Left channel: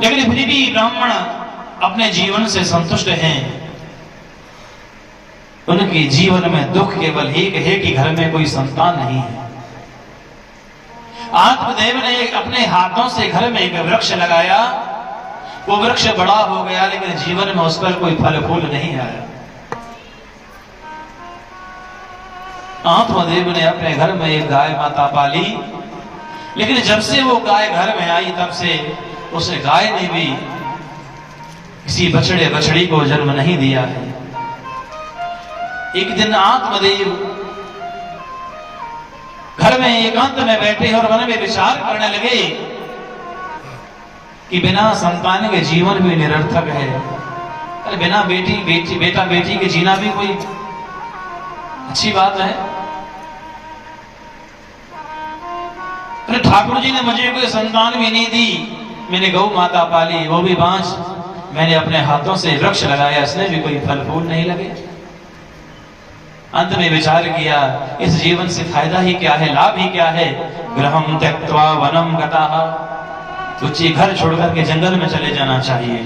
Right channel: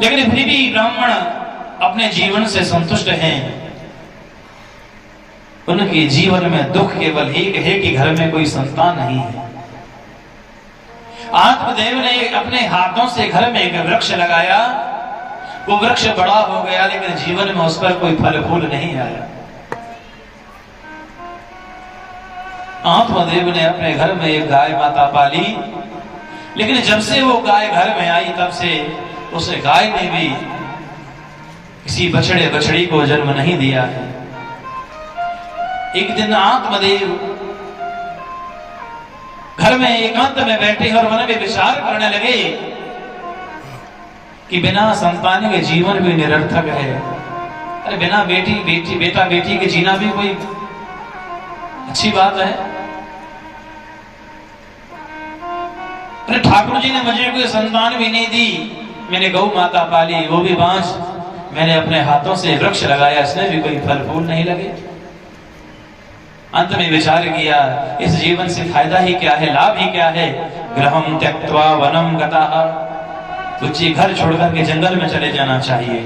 लेकिन फिर भी ब्राह्मण अपने जीवन से संतुष्ट हैं। उनके जीवन में दुख केवल एक है कि घर में कोई संतान नहीं है। आत्मदेव ने अपने हाथों से घर में एक वृक्ष लगाया। वो वृक्ष बड़ा हो गया, लेकिन जीवन में उस पर कोई फल फूल नहीं आया। आत्मदेव ने अपने घर में एक गाय माता पाली, लेकिन जब से वो गाय घर में आई तब से उस गाय ने भी किसी बछड़े बछड़ी को जन्म नहीं दिया है। एक दिन आत्मदेव घर में एकांत में बैठे और मन में विचार करने लगे कि बिना संतान के जीवन भी निरर्थक है। अरे बिना बेटा बेटी के जीना भी कोई अच्छी बात है। अरे ठाकुर जी ने मुझे कोई संतान भी नहीं दी, मैंने गौ माता पाली, वो भी बांझ, मैंने अपने हाथों से वृक्ष लगाया, इसमें भी कोई फल फूल नहीं लगे। अंत में विचार किया, इस जीवन से फायदा ही क्या है, लाभ ही क्या है। गृहम त्यक्त्वा वनम गताः, तुझे घर छोड़कर के जंगल में चले जाना चाहिए।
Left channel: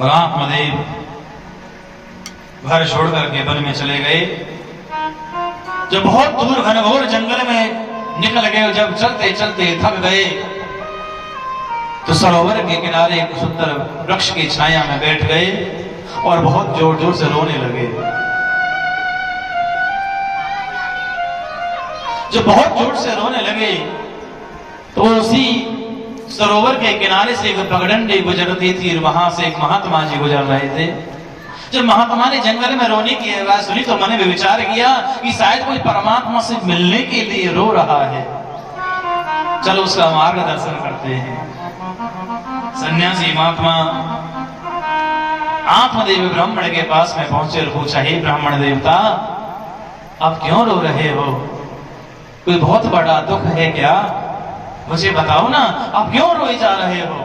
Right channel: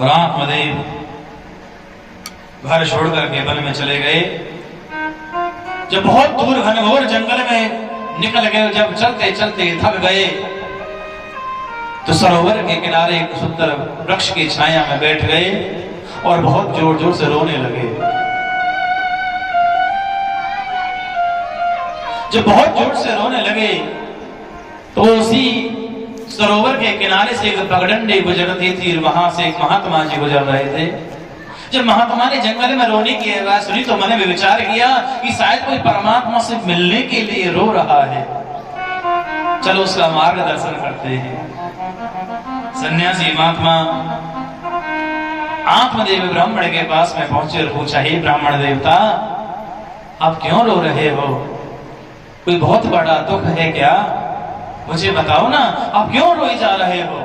और आत्मदेव घर छोड़कर के वन में चले गए। जब बहुत दूर घनघोर जंगल में निकल गए, जब चलते चलते थक गए तो सरोवर के किनारे एक सुंदर वृक्ष की छाया में बैठ गए और बहुत जोर जोर से रोने लगे। जब बहुत जोर से रोने लगे तो उसी सरोवर के किनारे से एक पगडंडी गुजरती थी, वहां से एक महात्मा जी गुजर रहे थे। जब महात्मा ने जंगल में रोने की आवाज सुनी तो मैंने भी विचार किया कि शायद कोई परमात्मा से मिलने के लिए रो रहा है, चलो उसका मार्गदर्शन करते हैं। सन्यासी महात्मा आत्मदेव ब्राह्मण के पास में पहुंचे और पूछा, हे ब्राह्मण देवता, आप क्यों रो रहे हो? कोई बहुत बड़ा दुख है क्या? मुझे बताओ ना, आप क्यों रोए जा रहे हो?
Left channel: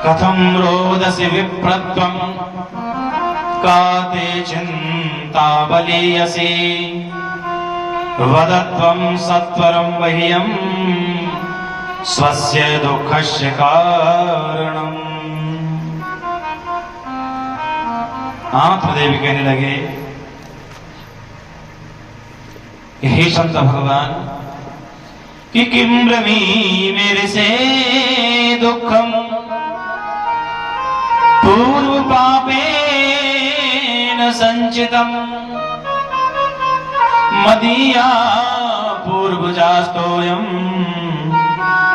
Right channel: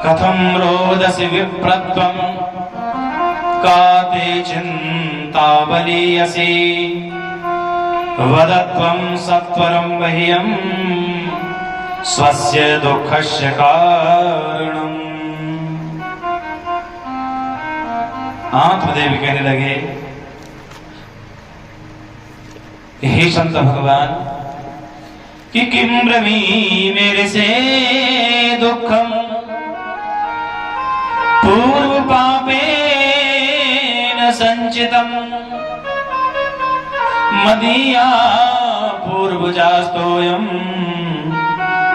कथम रोदसी विप्रत्वं काते चिंता बलीयसी वदत्वं सत्वरं वह्यं स्वस्य दुःखस्य कारणम्। आत्मदेव कहने लगे, हे संत भगवान, कि किम ब्रमी मेरे से दुखम पूर्व पापेन संचितम मदीया पूर्वजास्तोयम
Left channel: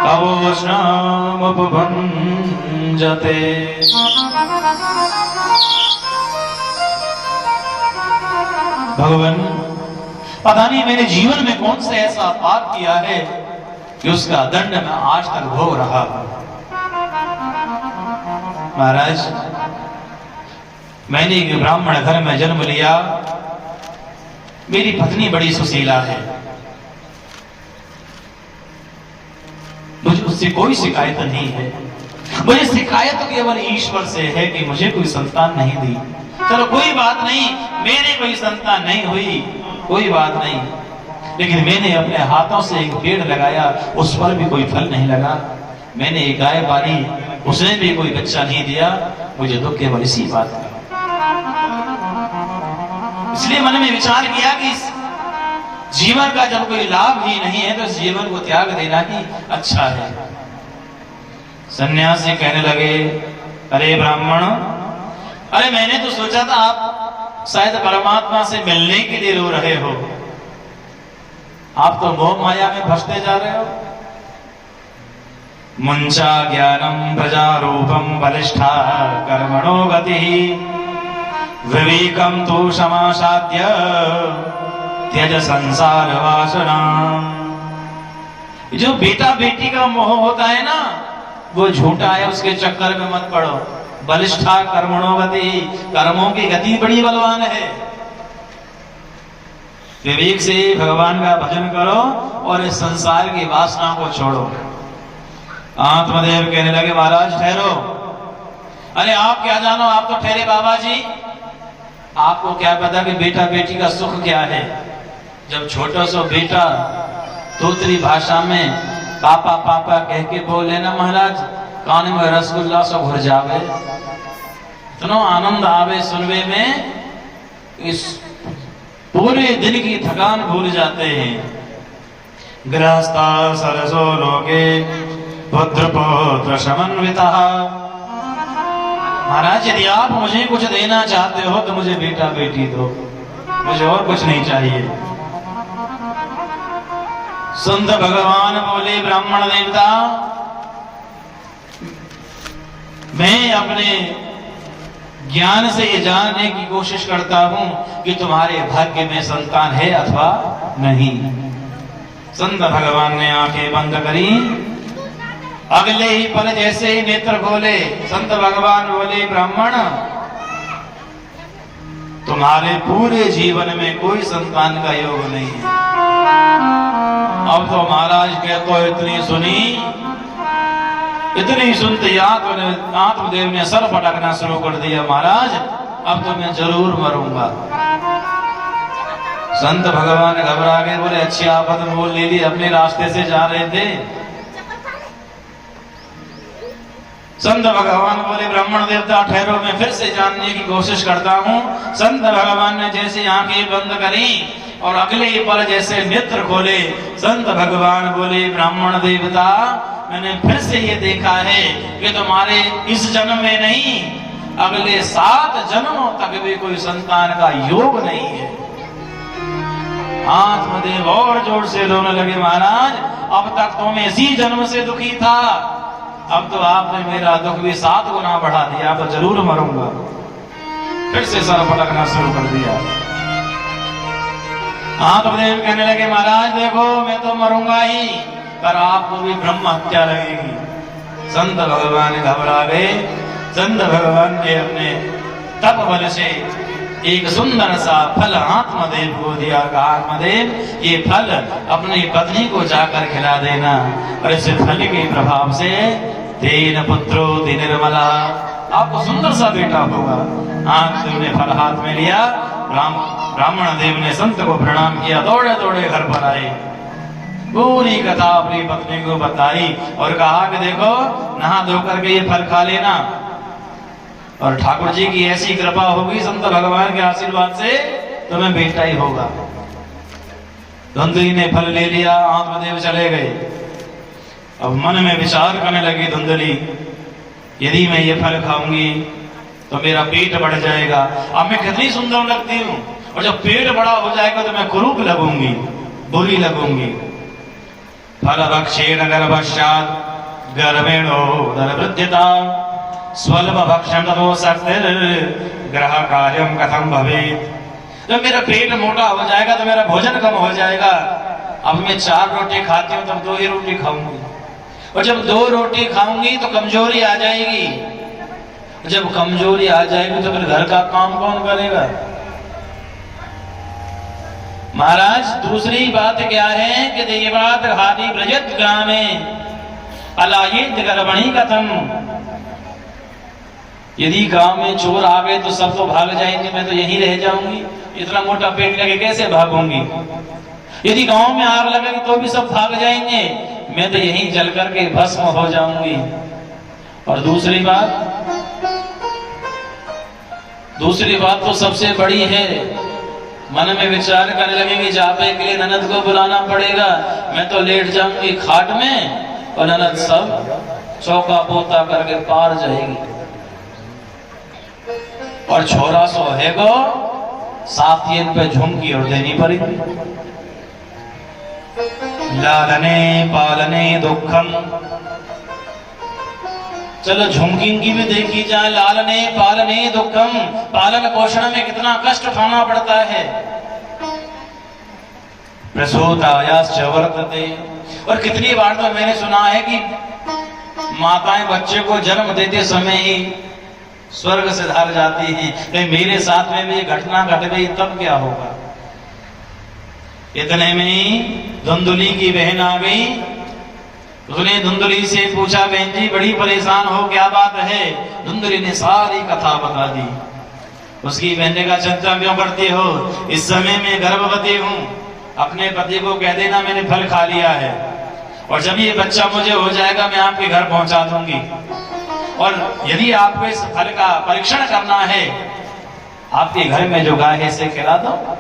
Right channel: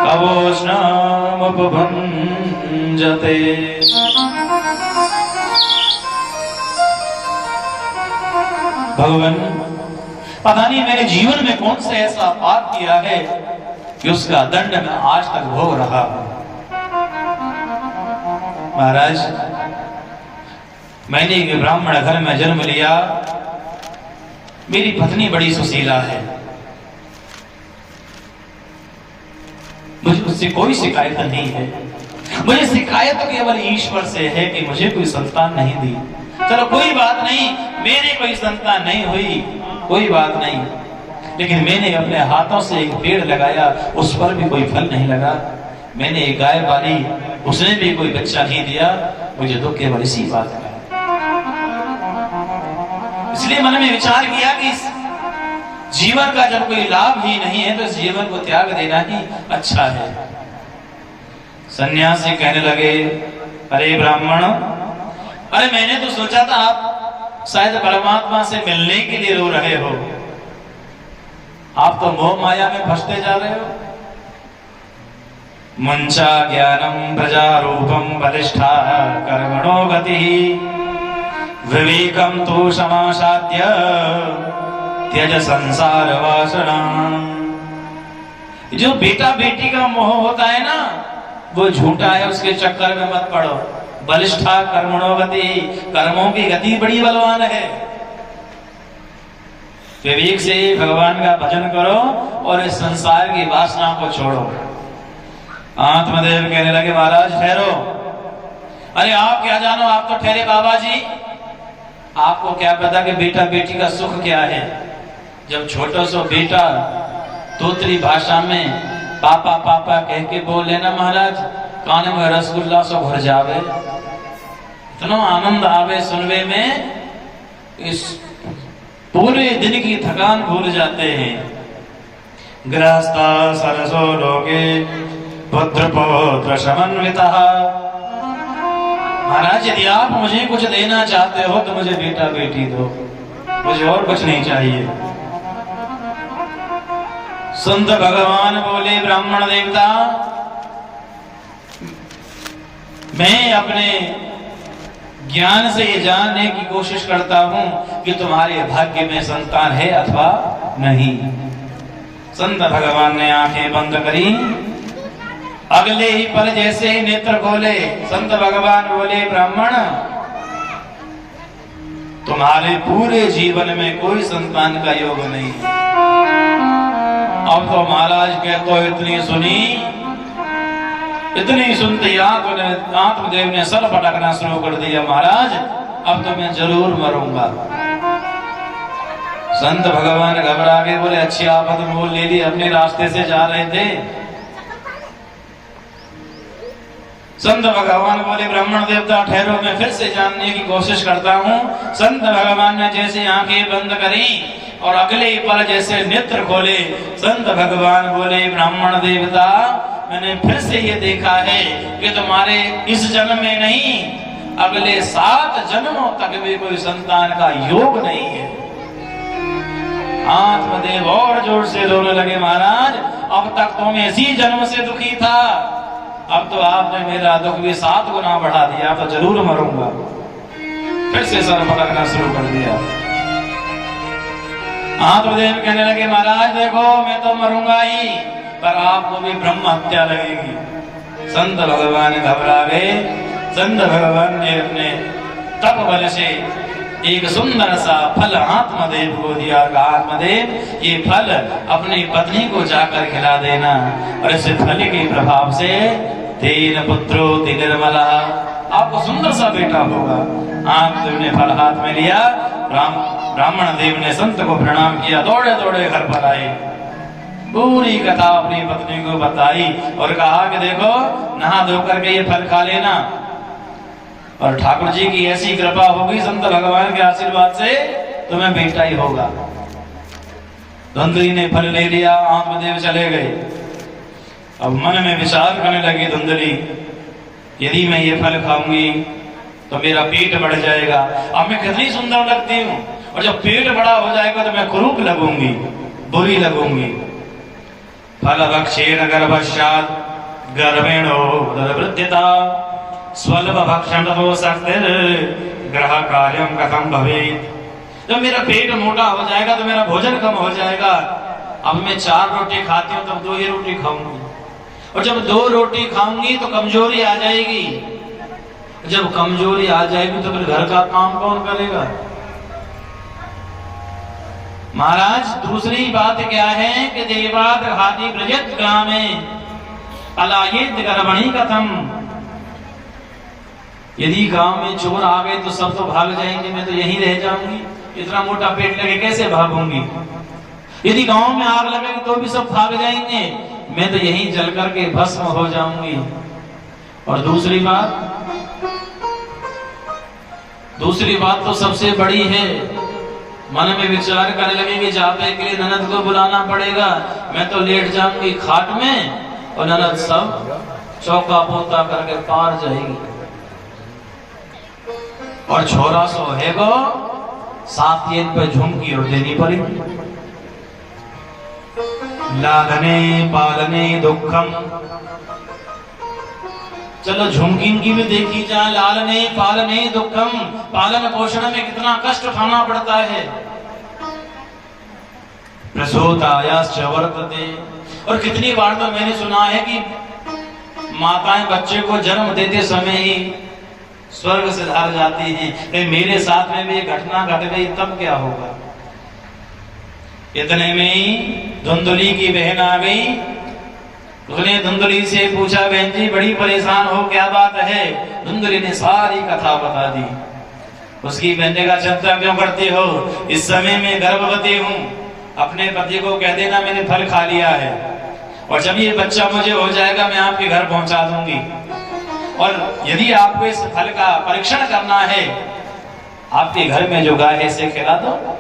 कवोष्णामुपभञ्जते। भगवान, पता नहीं मैंने जीवन में कौन सा ऐसा पाप किया है कि उसका दंड मैं आज तक भोग रहा हूं। महाराज, मैंने एक ब्राह्मण घर में जन्म लिया, मेरी पत्नी बड़ी सुशीला है, मुझे उससे कोई शिकायत नहीं है। मुझे शिकायत तो केवल ईश्वर से है कि मुझे कोई संतान नहीं दी। चलो कोई बात नहीं, मेरे कोई संतान नहीं हुई, कोई बात नहीं, लेकिन मैंने अपने हाथों से एक पेड़ लगाया, उस पर भी कोई फल नहीं लगा। मैंने एक गाय पाली, उसने भी कोई बच्चा नहीं दिया। मुझे दुख केवल इसी बात का। इसलिए मन में विचार किया कि जीवन का जब कोई लाभ ही नहीं है तो जीवन को त्याग देना ही अच्छा है। सन्यासी कहने लगे, अरे ब्राह्मण, अरे मैंने तो सोचा था आप शायद परमात्मा से मिलने के लिए रो रहे हो, आप तो मोह माया में फंसते जा रहे हो। मुंचा ज्ञानम प्रजारूपम बलिष्ठा कर्मणो गति विवेकम तो समासाद्य त्यज संसार वासना। जो बेटा बेटी का मोह होता है ना, वो झूठा है, उसके चक्कर में मत पड़ो। बलिष्ठा कर्मणो गति, कर्मों की गति बड़ी बलवान है। विवेक से भगवान का भजन करो और इस संसार की वासना को छोड़ो। आत्मदेव कहने लगे, महाराज ठहरो। अरे आप क्या जानो, आप तो ठहरे बाबा जी, आपको क्या पता कि बेटा बेटी का सुख क्या है। जब छोटा सा बेटा तोतरी भाषा में पापा पापा कह के बोले ना महाराज, कान में रसगुल्ला से भर जावे, इतना आनंद आवे सुनवे में, इस पूरे दिन की थकान भूल जाते हैं। गृहस्था सरसो रोगे पुत्र पुत्र समन्विता। महाराज यदि आप मुझे कुछ देना चाहते हो तो मुझे बेटा बेटी दो, मुझे और कुछ नहीं चाहिए। संत भगवान बोले ब्राह्मण देवता, मैं अपने ज्ञान से ये जानने की कोशिश करता हूं कि तुम्हारे भाग्य में संतान है अथवा नहीं। संत भगवान ने आंखें बंद करी, अगले ही पल जैसे ही नेत्र खोले, संत भगवान बोले ब्राह्मण, तुम्हारे पूरे जीवन में कोई संतान का योग नहीं है। अब तो महाराज के तो इतनी सुनी, इतनी सुनते आत्मदेव ने सर पटकना शुरू कर दिया, महाराज अब तो मैं जरूर मरूंगा। संत भगवान घबरा गए, बोले अच्छी आफत मोल ले ली, अपने रास्ते से जा रहे थे। संत भगवान बोले ब्राह्मण देवता ठहरो, मैं फिर से जानने की कोशिश करता हूँ। संत भगवान ने जैसे आंखें बंद करी और अगले पल जैसे नेत्र खोले, संत भगवान बोले ब्राह्मण देवता, मैंने फिर से ये देखा है कि तुम्हारे इस जन्म में नहीं, अगले 7 जन्मों तक भी कोई संतान का योग नहीं है। आत्मदेव और जोर से रोने लगे, महाराज अब तक तो मैं इसी जन्म से दुखी था, अब तो आपने मेरा दुख भी 7 गुना बढ़ा दिया, तो जरूर मरूंगा। फिर से सर पटकना शुरू कर दिया। आत्मदेव कहने लगे, महाराज देखो मैं तो मरूंगा ही, पर आपको भी ब्रह्म हत्या लगेगी। संत भगवान घबरा गए। संत भगवान ने अपने तप बल से एक सुंदर सा फल आत्मदेव को दिया। आत्मदेव ये फल अपनी पत्नी को जाकर खिला देना, और इस फल के प्रभाव से तेन पुत्रो निर्मला, आपको सुंदर सा बेटा होगा। आत्मदेव ने फल हाथ में लिया। ब्राह्मण देव ने संत को प्रणाम किया, दौड़े दौड़े घर पर आए, पूरी कथा अपनी पत्नी को बताई और कहा कि देखो नहा धोकर के ये फल खा लेना, और ठाकुर जी की ऐसी कृपा होगी संत भगवान के आशीर्वाद से तुम्हें बेटा ही होगा। धुंधली ने फल ले लिया, आत्मदेव चले गए। अब मन में विचार करने लगी धुंधली, यदि मैं ये फल खाऊंगी तो मेरा पेट बढ़ जाएगा। अब मैं कितनी सुंदर लगती हूँ, और जब पेट बड़ा हो जाएगा तो मैं कुरूप लगूंगी, बुरी लगूंगी। फल भक्षेण गर्भश्चात् गर्भेणो दरवृद्धिता स्वल्प भक्षण तो शक्तिर ग्रह कार्यम कथम भवेत्। जब मेरा पेट मोटा हो जाएगा तो मेरा भोजन कम हो जाएगा। अब मैं 4 रोटी खाती हूँ, तब 2 ही रोटी खाऊंगी, और जब 2 रोटी खाऊंगी तो कमजोरी आ जाएगी। जब कमजोरी आ जाएगी तो फिर घर का काम कौन करेगा। महाराज दूसरी बात क्या है कि देवाद हादि ब्रजत ग्रामे अलायित गर्भणी कथम। यदि गांव में चोर आ गए तो सब तो भाग जाएंगे, मैं तो यहीं रह जाऊंगी, इतना मोटा पेट लेके कैसे भागूंगी। यदि गांव में आग लगेगी तो भी सब भाग जाएंगे, मैं तो यहीं जल करके भस्म हो जाऊंगी। और दूसरी बात तो सबसे बड़ी है, मन में विचार करने लगे कि जापे के लिए ननद को बुलाना पड़ेगा। मैं तो लेट जाऊंगी खाट में और ननद सब चौका पोता करके पार जाएगी। और छोरा सो है गो साथियन पे झुमकी और देनी पड़ेगी। लालने पालने दुखम, चलो झुमकी की भी देखी जाए। लालने पालने दुखम, पालन पोषण में कितना कष्ट उठाना पड़ता है। प्रसूतायाश्च वर्तते, और कितनी बार तो मैंने सुना है कि माताएं बच्चे को जन्म देते समय ही स्वर्ग से धार जाती हैं। भाई मेरे साथ में भी ये घटना घट गई तब क्या होगा। इतने में ही धुंधली की बहन आ गई। उसने धुंधली से पूछा, बहन जी बड़ी परेशान हो, क्या बात है। धुंधली ने सारी कथा बता दी। उसकी बहन ने कहा, चिंता क्यों करती हो, इस समय मैं गर्भवती हूँ, अपने पति को कह देना मैंने फल खा लिया है। और जब ये बच्चा मुझे हो जाएगा मैं आपके घर पहुंचा दूंगी। और यदि आपको इस फल का परीक्षण करना है, आपके घर में जो गाय है इसे खिला दो।